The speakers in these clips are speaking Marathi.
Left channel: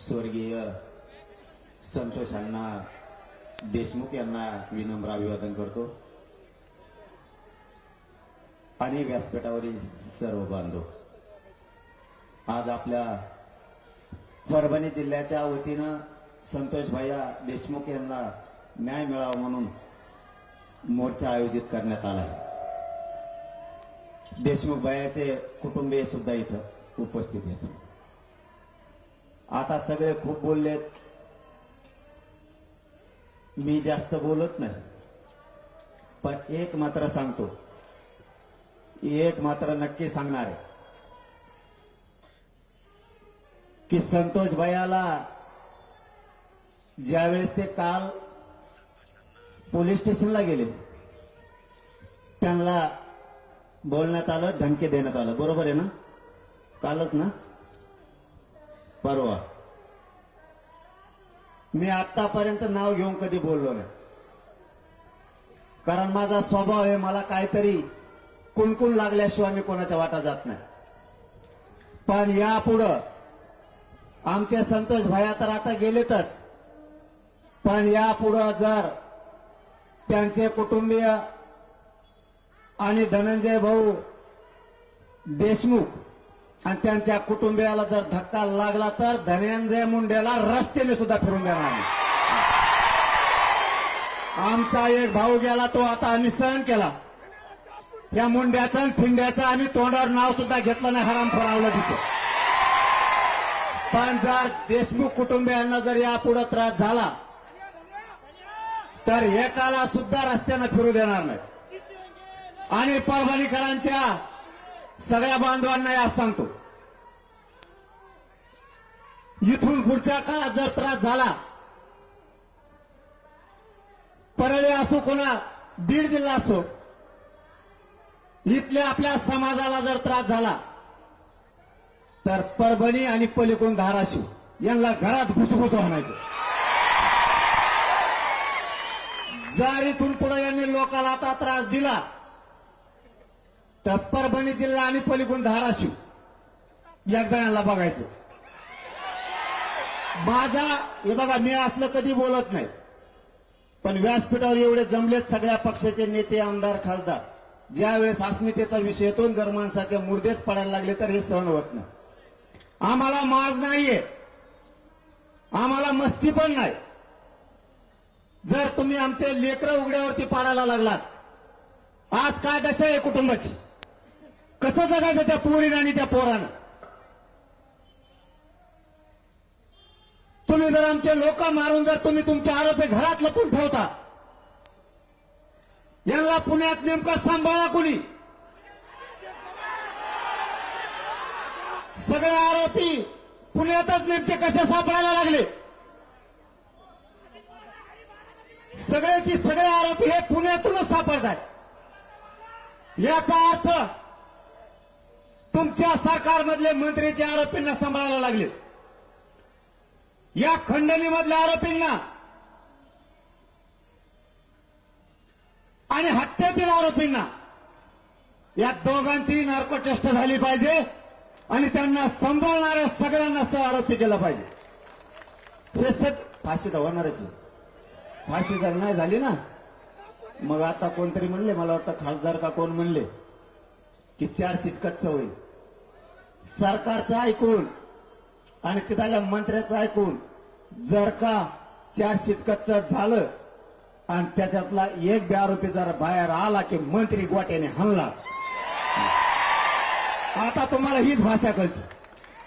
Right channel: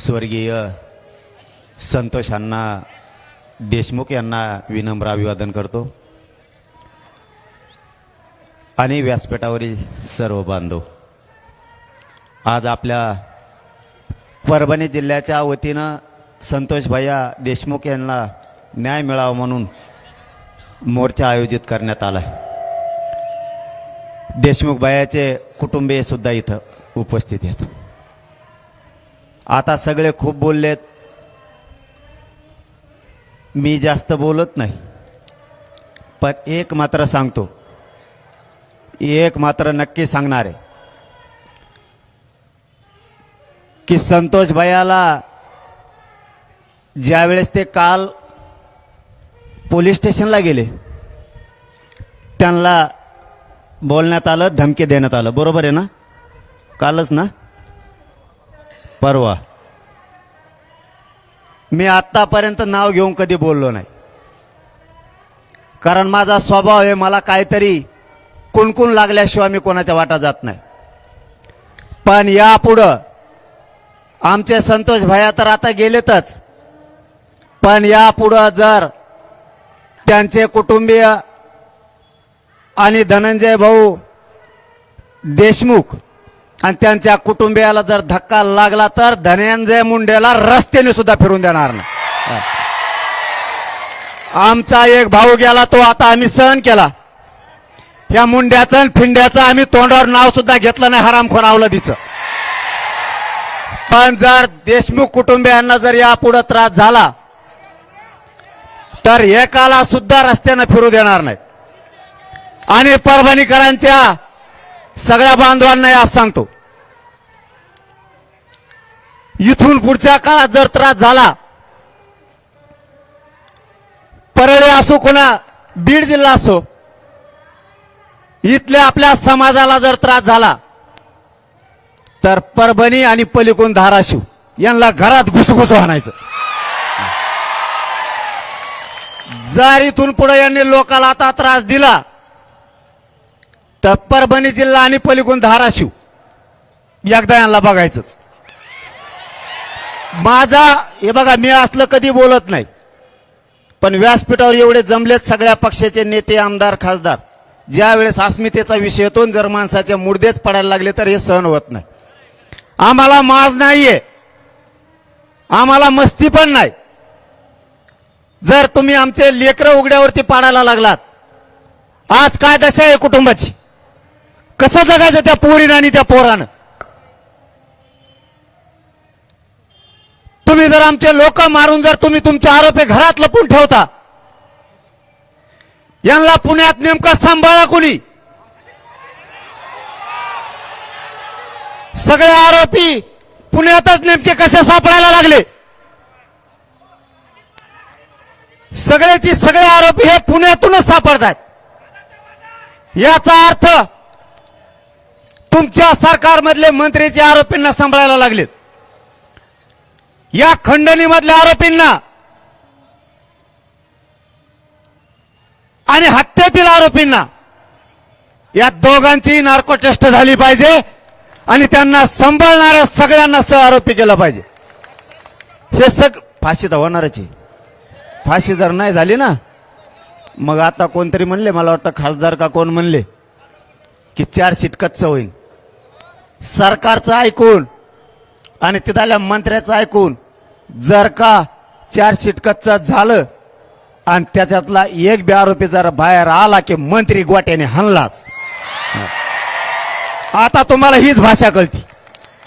स्वर्गीय संतोष अण्णा देशमुख यांना विनम्र अभिवादन करतो आणि व्यासपीठावरील सर्व बांधव, आज आपल्या परभणी जिल्ह्याच्या वतीनं संतोष भैया देशमुख यांना न्याय मिळावा म्हणून मोर्चा आयोजित करण्यात आला आहे। देशमुख भैयाचे कुटुंबीय सुद्धा इथं उपस्थित आहेत। आता सगळे खूप बोललेत, मी जास्त बोलत नाही, पण एक मात्र सांगतो, एक मात्र नक्की सांगणार आहे की संतोष भैयाला ज्यावेळेस ते काल पोलीस स्टेशनला गेले त्यांना बोलण्यात आलं, धमकी देण्यात आलं, बरोबर आहे ना? कालच ना, परवा। मी आतापर्यंत नाव घेऊन कधी बोललो नाही, कारण माझा स्वभाव आहे, मला काहीतरी कुणकुण लागल्याशिवाय मी कोणाच्या वाटा जात नाही। पण यापुढं आमचे संतोष भैया तर आता गेलेतच, पण यापुढं जर त्यांचे कुटुंबीय आणि धनंजय भाऊ देशमुख आणि त्यांच्या कुटुंबियाला जर धक्का लागला तर धनंजय मुंडेला रस्त्याने सुद्धा फिरून देणार नाही। आमचा एक भाऊ गेला, तो आता आम्ही सहन केला, या मुंड्याचं आणि फिंड्याचं आम्ही तोंडावर नाव सुद्धा घेतलं नाही, हरामखोर अवलादीचं। पण जर देशमुख कुटुंबियांना जर यापुढे त्रास झाला तर एकाला सुद्धा रस्त्याने फिरू देणार नाही। आणि परभणीकरांच्या सगळ्या बांधवांना आज सांगतो, इथून पुढच्या काळात जर त्रास झाला, परळी असो कोणा बीड जिल्हा असो, इथल्या आपल्या समाजाला जर त्रास झाला तर परभणी आणि पलीकडून धाराशिव यांना घरात घुसघुस आणायचं। जर इथून पुढे यांनी लोकाला आता त्रास दिला तर परभणी जिल्हा आणि पलीकडून धाराशिव एकदा यांना बघायचंच। माझा हे बघा, मी असलं कधी बोलत नाही, पण व्यासपीठावर एवढे जमलेत सगळ्या पक्षाचे नेते, आमदार, खासदार, ज्या वेळेस अस्मितेचा विषय येतो, जर माणसाचे मुर्देच पडायला लागले तर हे सहन होत नाही। आम्हाला माज नाहीये, आम्हाला मस्ती पण नाही। जर तुम्ही आमचे लेकरं उघड्यावरती पाडायला लागलात, आज काय दशा आहे कुटुंबाची, कसं जगायचं त्या पोरीनं आणि त्या पोरानं? तुम्ही जर आमचे लोक मारून जर तुम्ही तुमचे आरोपी घरात लपून ठेवता, यांना पुण्यात नेमकं सांभाळा कोणी? सगळे आरोपी पुण्यातच नेमके कसे सापडायला लागले? सगळ्याची सगळे आरोपी हे पुण्यातूनच सापडतात। याचा अर्थ तुमच्या सरकारमधले मंत्रीचे आरोपींना सांभाळायला लागलेत, या खंडणीमधल्या आरोपींना आणि हत्येतील आरोपींना, या दोघांची नार्को टेस्ट झाली पाहिजे आणि त्यांना सांभाळणाऱ्या सगळ्यांना सह आरोपी केलं पाहिजे। हे फाशी तर होणारच आहे। फाशी जर नाही झाली ना, मग आता कोणतरी म्हणले, मला वाटतं खासदार का कोण म्हणले की 4 सीट कच्चं होईल। सरकारचं ऐकून आणि तिथल्या मंत्र्याचं ऐकून जर का 4 सीट कच्चं झालं आणि त्याच्यातला एक बी आरोपी जर बाहेर आला की मंत्री गोट्याने हाणलाच। आता तुम्हाला हीच भाषा कळती।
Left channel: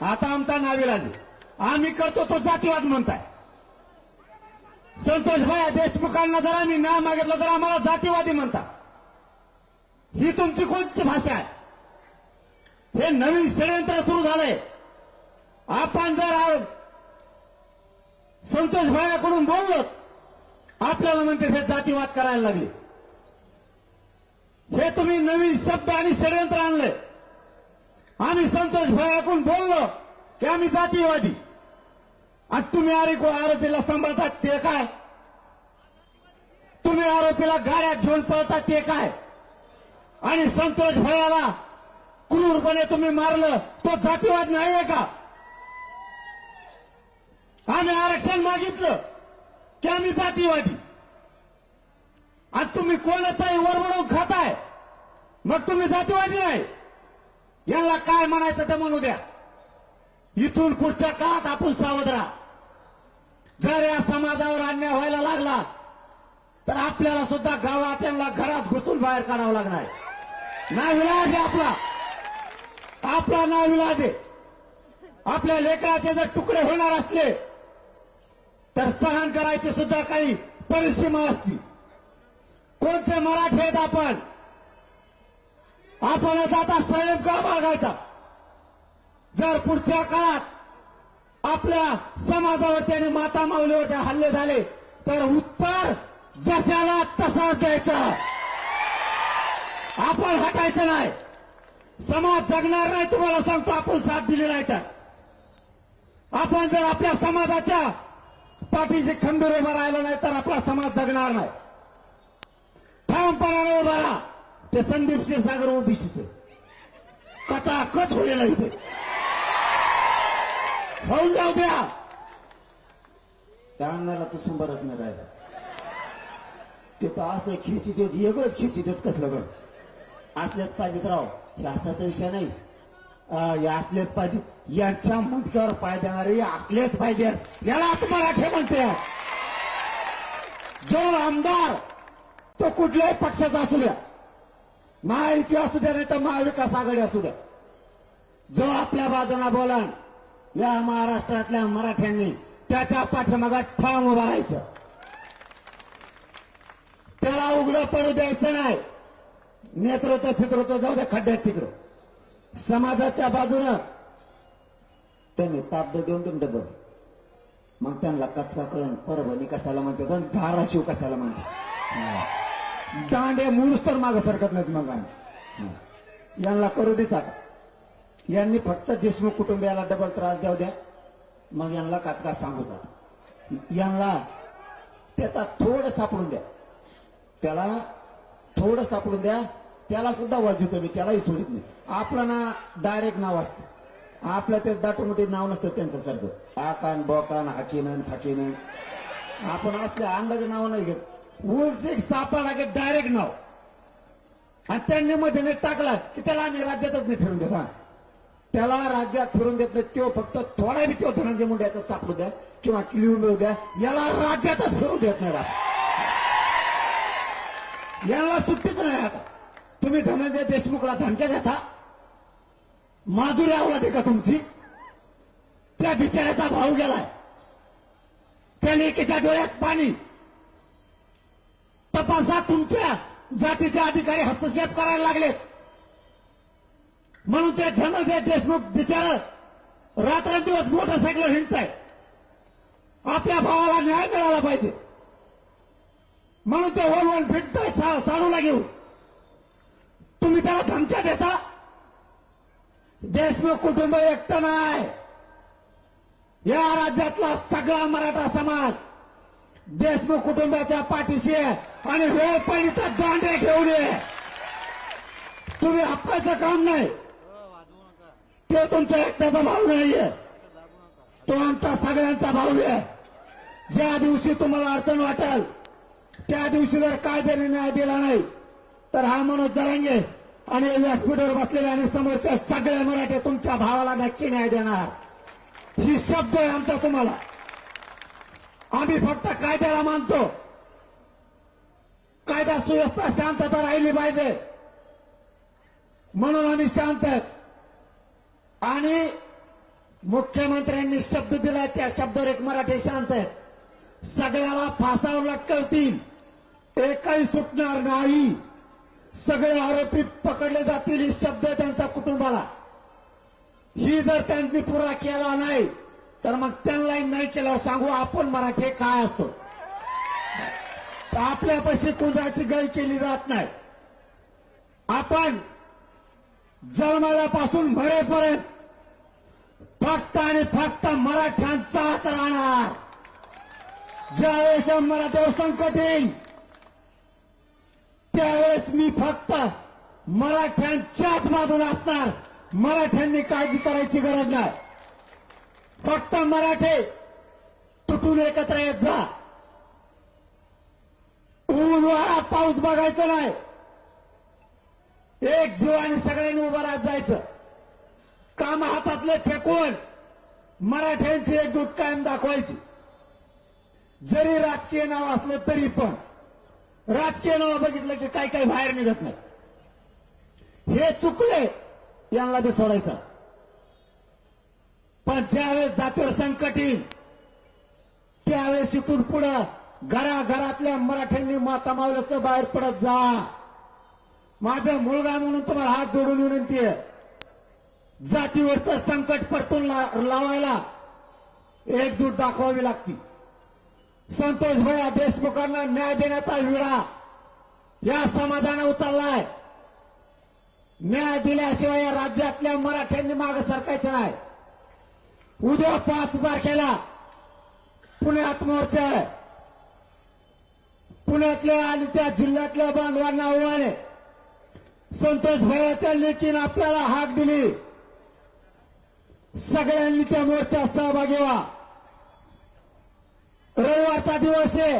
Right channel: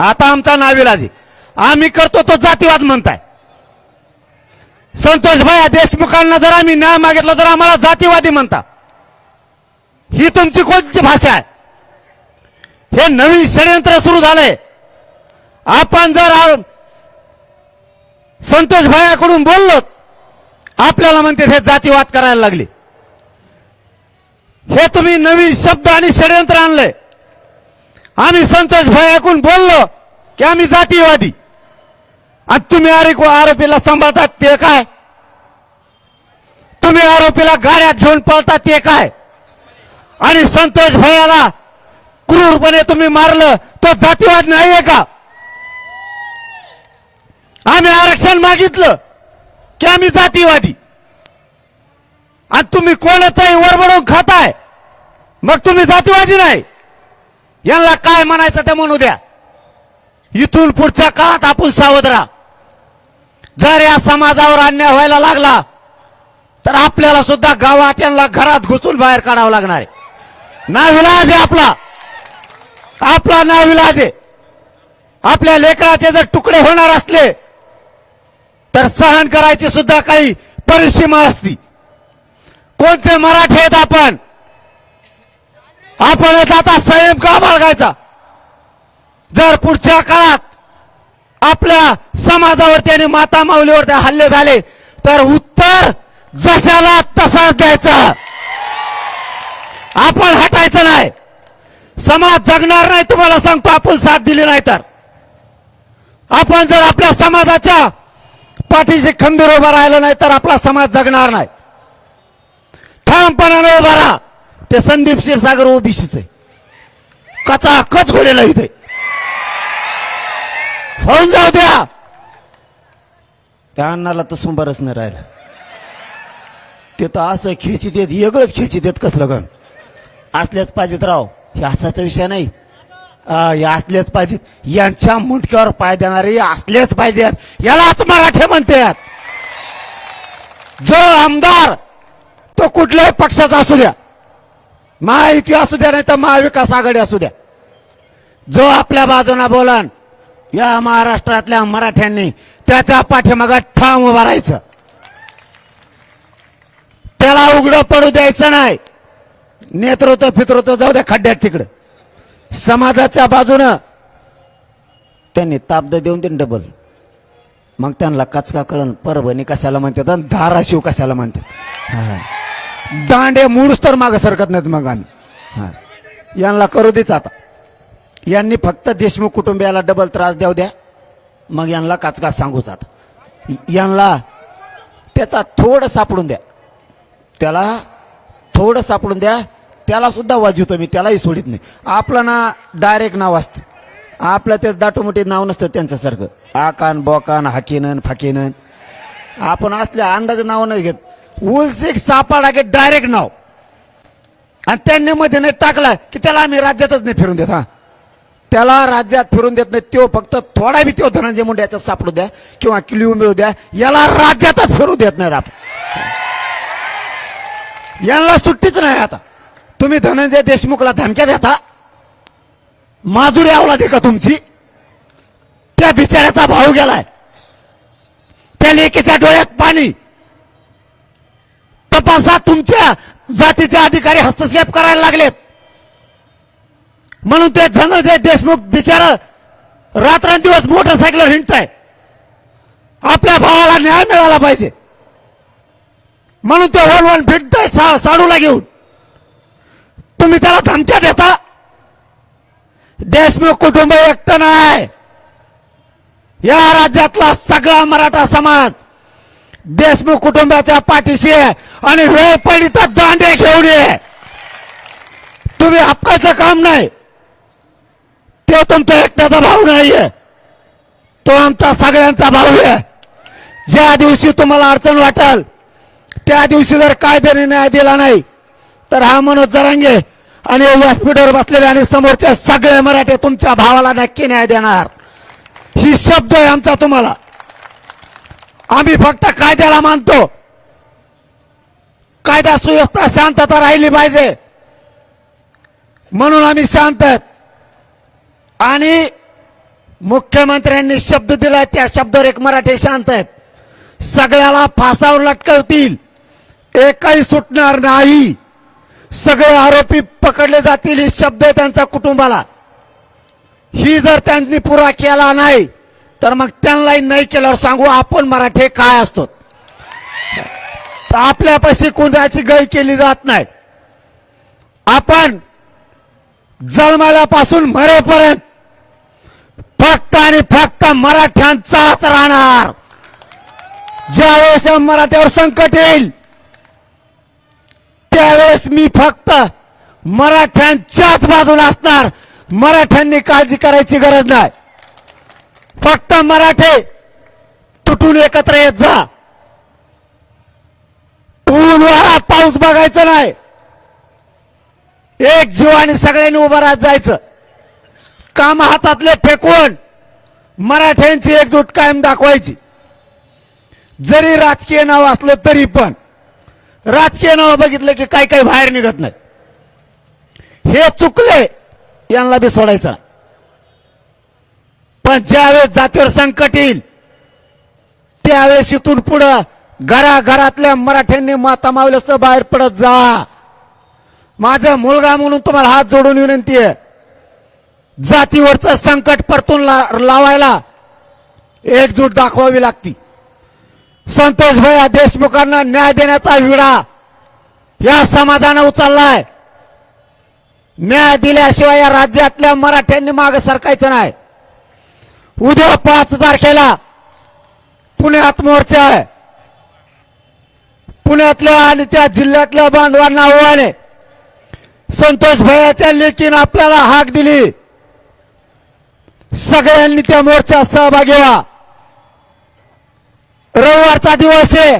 आता आमचा नाविलाज आहे, आम्ही करतो तो जातीवाद म्हणताय। संतोष भैया देशमुखांना जर आम्ही न्याय मागितला तर आम्हाला जातीवादी म्हणता, ही तुमची कोणती भाषा आहे? हे नवीन षडयंत्र सुरू झालंय। आपण जर संतोष भैयाकडून बोललो, आपल्याला म्हणते हे जातीवाद करायला लागले। हे तुम्ही नवीन शब्द आणि षडयंत्र आणलंय। आम्ही संतोष भैयाकडून बोललो की आम्ही जातीवादी, आणि तुम्ही आरोपीला सांभाळतात ते काय? तुम्ही आरोपीला गाड्यात घेऊन पळतात ते काय? आणि संतोष भैयाला क्रूरपणे तुम्ही मारलं, तो जातीवाद नाहीये का? आम्ही आरक्षण मागितलं की आम्ही जातीवादी, आणि तुम्ही कोणाचाही वरबडून खाताय, मग तुम्ही जातीवादी नाही. यांना काय म्हणायचं ते म्हणू द्या. इथून पुढच्या काळात आपण सावध राहा. जर या समाजावर अन्याय व्हायला लागला तर आपल्याला सुद्धा गावात यांना घरात घुसून बाहेर काढावं लागणार आहे. नाविलाज आहे आपला नाविलाज आहे. आपल्या लेकराचे जर तुकडे होणार असले तर सहन करायची सुद्धा काही परिसीमा असती. कोणते मराठे आहेत आपण आता संयम का बाळगायचा. जर पुढच्या काळात आपल्या समाजावरती आणि माता माऊलीवरती हल्ले झाले तर उत्तर जशाला तसाच द्यायचं. आपण हटायचं नाही. समाज जगणार नाही, तुम्हाला सांगतो. आपण साथ दिली नाही तर आपण जर आपल्या समाजाच्या पाठीशी खंबीर उभा राहिलं नाही तर आपला समाज जगणार नाही. ठामपणाने उभा राहा. ते संदीप क्षीरसागर ओबीसीच आहे, कचाकच घोडेला इथे होऊन जाऊ द्या. त्या अण्णाला तर सुंबरच नाही राहिलं. ते तर असं खेची देत, वेगळंच खेची देत. कसलं गण असल्याच पाहिजेत राव. हे असाचा विषय नाही. हे असलेच पाहिजेत. यांच्या मुंडक्यावर पाय देणारे असलेच पाहिजेत. यालाच मराठे म्हणतात. जो आमदार तो कुठल्याही पक्षाचा असू द्या, महायुती असू द्या नाही तर महाविकास आघाडी असू द्या, जो आपल्या बाजूने बोलन या महाराष्ट्रातल्या मराठ्यांनी त्याच्या पाठीमागे ठाम उभा राहायचं. त्याला उघडं पडू द्यायचं नाही. नेतृत्व पितृत्व जाऊ द्या खड्ड्यात तिकडं. समाजाच्या बाजूनं त्यांनी ताब्द देऊन देईन डबल. मग त्यांना कचका कळण परभणी कशाला म्हणतात आणि धाराशिव कशाला म्हणतात. दांडे मूळच तर मागे सरकत नाहीत. मग आम्ही यांना करू देच. आता यांनी फक्त देशमुख कुटुंबियाला डबल त्रास देऊ द्या. मग यांना काचका सांगूच. आता यांना त्याचा थोडं सापडून द्या. त्याला थोडं सापडून द्या. त्याला सुद्धा वाजवतो मी, त्यालाही सोडित नाही. आपलं ना डायरेक्ट नाव असतं. आपलं ते दाटोमोठी नाव नसतं त्यांच्यासारखं आकान बोकान हाकीनन फाकीनन. आपण असल्या अंदाजे नाव नाही घेत. उलसिक सापाडा के डायरेक्ट नाव. आणि त्यांनी मध्ये नाही टाकला की त्याला आम्ही राज्यातच नाही फिरून देत. हा, त्याला राज्यात फिरून देत नाही. तो फक्त थोडा बी तो धनंजय मुंडे याचा सापडू द्या किंवा किलिओ मिळू द्या, याला राज्यातच फिरू देत नाहीत आपण. याला सुट्टीच नाही. आता तुम्ही धनंजय देशमुखला धमक्या देता. माजुरी आवला दे का तुमची. त्या बिचाऱ्याचा भाऊ गेलाय. त्या लेकीच्या डोळ्यात पाणी. तपासात तुमच्या जातीचे अधिकारी हस्तक्षेप करायला लागलेत म्हणून ते धनंजय देशमुख बिचारा रात्रंदिवस मोटरसायकल हिंडताय. आपल्या भावाला न्याय मिळाला पाहिजे म्हणून ते वळवण फिरताय साडूला घेऊन. तुम्ही त्याला धमक्या देता. देशमुख कुटुंब एकटं नाही. या राज्यातला सगळा मराठा समाज देशमुख कुटुंबाच्या पाठीशी आहे. आणि वेळ पडली तर दांडे घेऊन ये. तुम्ही हक्काचं काम नाही. तो तुमचा एकट्याचा भाऊ नाहीये, तो आमचा सगळ्यांचा भाऊ आहे. ज्या दिवशी तुम्हाला अडचण वाटेल त्या दिवशी जर कायद्याने न्याय दिला नाही तर हा मनोज जरांगे आणि व्यासपीठावर बसलेले आणि समोरचे सगळे मराठे तुमच्या भावाला नक्की न्याय देणार. ही शब्द आहे आमचा तुम्हाला. आम्ही फक्त कायद्याला मानतो. कायदा सुव्यवस्था शांतता राहिली पाहिजे म्हणून आम्ही शांत आहेत. आणि मुख्यमंत्र्यांनी शब्द दिला त्या शब्दावर एक मराठे शांत आहेत. सगळ्याला फासावर लटकवतील, एकही सुटणार नाही. सगळे आरोपी पकडले जातील. हे शब्द आहे त्यांच्या कुटुंबाला. ही जर त्यांनी पुरा केला नाही तर मग त्यांनाही नाही केल्यावर सांगू आपण मराठे काय असतो. तर आपल्यापाशी कुणाची गय केली जात नाही. आपण जन्मल्यापासून मरेपर्यंत फक्त आणि फक्त मराठ्यांचाच राहणार. ज्यावेळेस मराठ्यावर संकट येईल त्यावेळेस मी फक्त मराठ्यांच्याच बाजूला असणार. मराठ्यांनी काळजी करायची गरज नाही. फक्त मराठे उठून एकत्र येत जा. ऊन वारा पाऊस बघायचं नाही. एक जीवाने सगळ्यांनी उभं राहत जायचं. काम हातातले फेकून मराठ्यांची एकजूट कायम दाखवायची. जरी राजकीय नाव असलं तरी पण राजकीय नाव बघितलं की काही काही बाहेर निघत नाही. हे चुकले, यांना बी सोडायचं. पण ज्यावेळेस जातीवर संकट येईल त्यावेळेस इथून पुढं घराघरातल्या मराठ्यांनी माता मावल्याचं बाहेर पडत जा. माझा मुलगा म्हणून तुम्हाला हात जोडून विनंती आहे. जातीवरचं संकट परतून लावायला एकजूट दाखवावी लागती. संतोष भैया देशमुखांना न्याय देण्याचा विडा या समाजानं उचललाय. न्याय दिल्याशिवाय या राज्यातल्या मराठ्यांनी मागे सरकायचं नाही. उद्या 5 तारखेला पुण्यात मोर्चा आहे. पुण्यातल्या आणि त्या जिल्ह्यातल्या बांधवांना आव्हान आहे. संतोष भैयाच्या लेकीनं आपल्याला हाक दिली. सगळ्यांनी त्या मोर्चात सहभागी व्हा. रविवारचा दिवस आहे.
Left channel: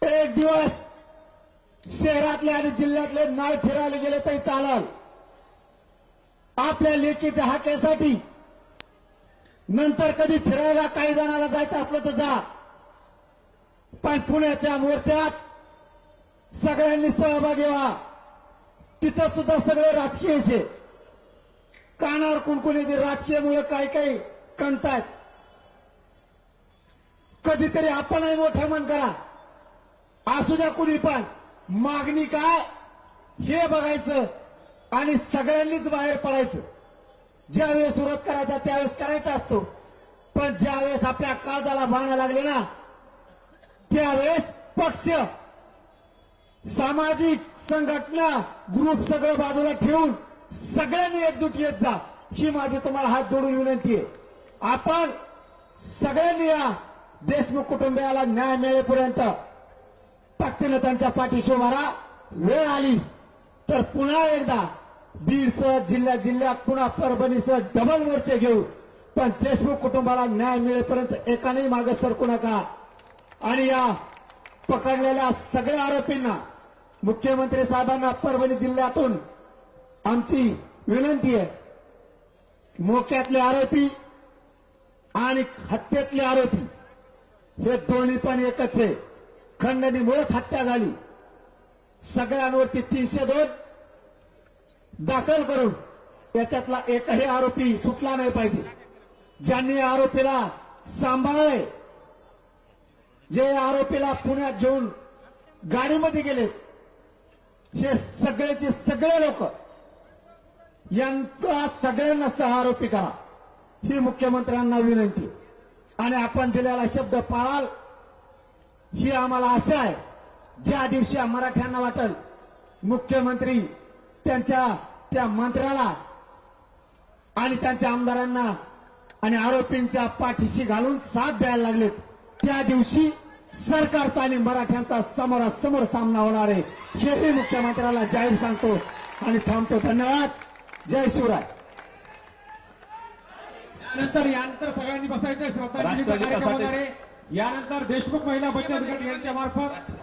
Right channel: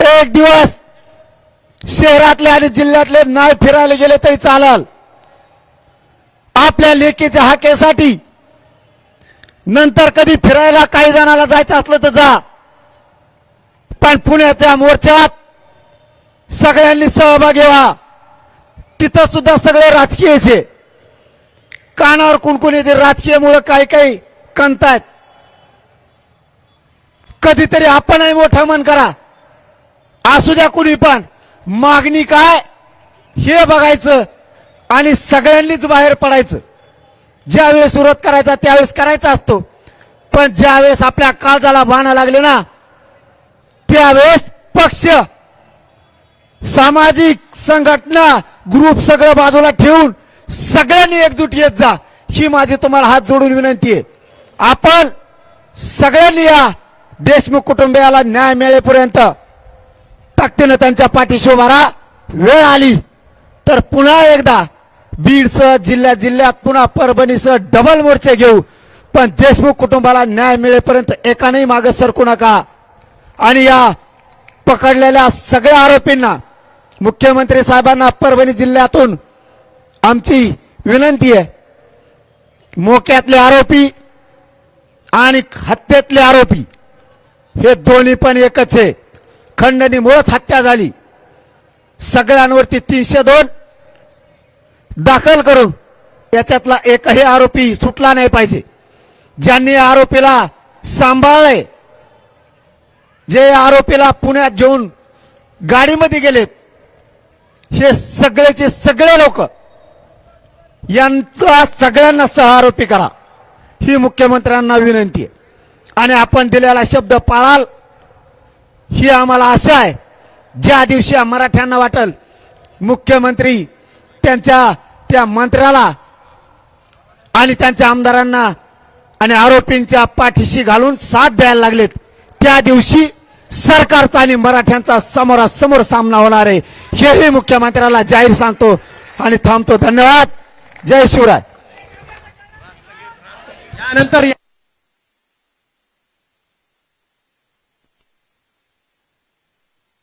एक दिवस शहरातले आणि जिल्ह्यातले नाही फिरायला गेले तरी चालेल. आपल्या लेकीच्या हाकेसाठी नंतर कधी फिरायला काही जणांना जायचं असलं तर जा. पण पुण्याच्या मोर्चात सगळ्यांनी सहभागी व्हा. तिथं सुद्धा सगळे राजकीयचे कानावर कुणकुण येते. राजकीयमुळे काही काही कणतायत. कधीतरी आपणही मोठं मन करा. असू द्या कुणी पण. मागणी काय हे बघायचं आणि सगळ्यांनीच बाहेर पडायचं. ज्यावेळेस विरोध करायचा त्यावेळेस करायचा असतो. पण ज्यावेळेस आपल्या काळजाला बाणा लागले ना त्यावेळेस पक्ष, सामाजिक संघटना, ग्रुप सगळं बाजूला ठेवून सगळ्यांनी एकजूट येत जा. ही माझी तुम्हाला हात जोडून विनंती आहे. आपण सगळ्यांनी या देशमुख कुटुंबियाला न्याय मिळेपर्यंत ताकदीनं त्यांच्या पाठीशी उभा राहा. वेळ आली तर पुन्हा एकदा बीडसह जिल्ह्यात पुन्हा परभणीसह डबल मोर्चे घेऊ. पण देशमुख कुटुंबाला न्याय मिळेपर्यंत एकानेही मागे सरकू नका. आणि या पकडलेल्या सगळ्या आरोपींना, मुख्यमंत्री साहेबांना परभणी जिल्ह्यातून आमची विनंती आहे. मोक्यातले आरोपी आणि हत्येतले आरोपी हे दोन्ही पण एकच आहे. खंडणीमुळेच हत्या झाली. सगळ्यांवरती 302 दाखल करून याच्यातला एकही आरोपी सुटला नाही पाहिजे. ज्यांनी आरोपीला सांभाळले, जे आरोपीला पुण्यात घेऊन गाडीमध्ये गेलेत, हे सगळेचे सगळे लोक यांचा सगळ्यांना सहआरोपी करा. ही मुख्यमंत्र्यांना विनंती आहे. आणि आपण दिलेला शब्द पाळाल ही आम्हाला आशा आहे. ज्या दिवशी मराठ्यांना वाटेल मुख्यमंत्री त्यांच्या त्या मंत्र्याला आणि त्यांच्या आमदारांना आणि आरोपींच्या पाठीशी घालून साथ द्यायला लागलेत, त्या दिवशी सरकारचा आणि मराठ्यांचा समोरासमोर सामना होणार आहे. हेही मुख्यमंत्र्याला जाहीर सांगतो आणि थांबतो. धन्यवाद. जय शिवराय. यानंतर सगळ्यांनी बसायचं. श्रद्धांजली कार्यक्रम होणार आहे. यानंतर देशमुख महिला बचत गट यांच्या मार्फत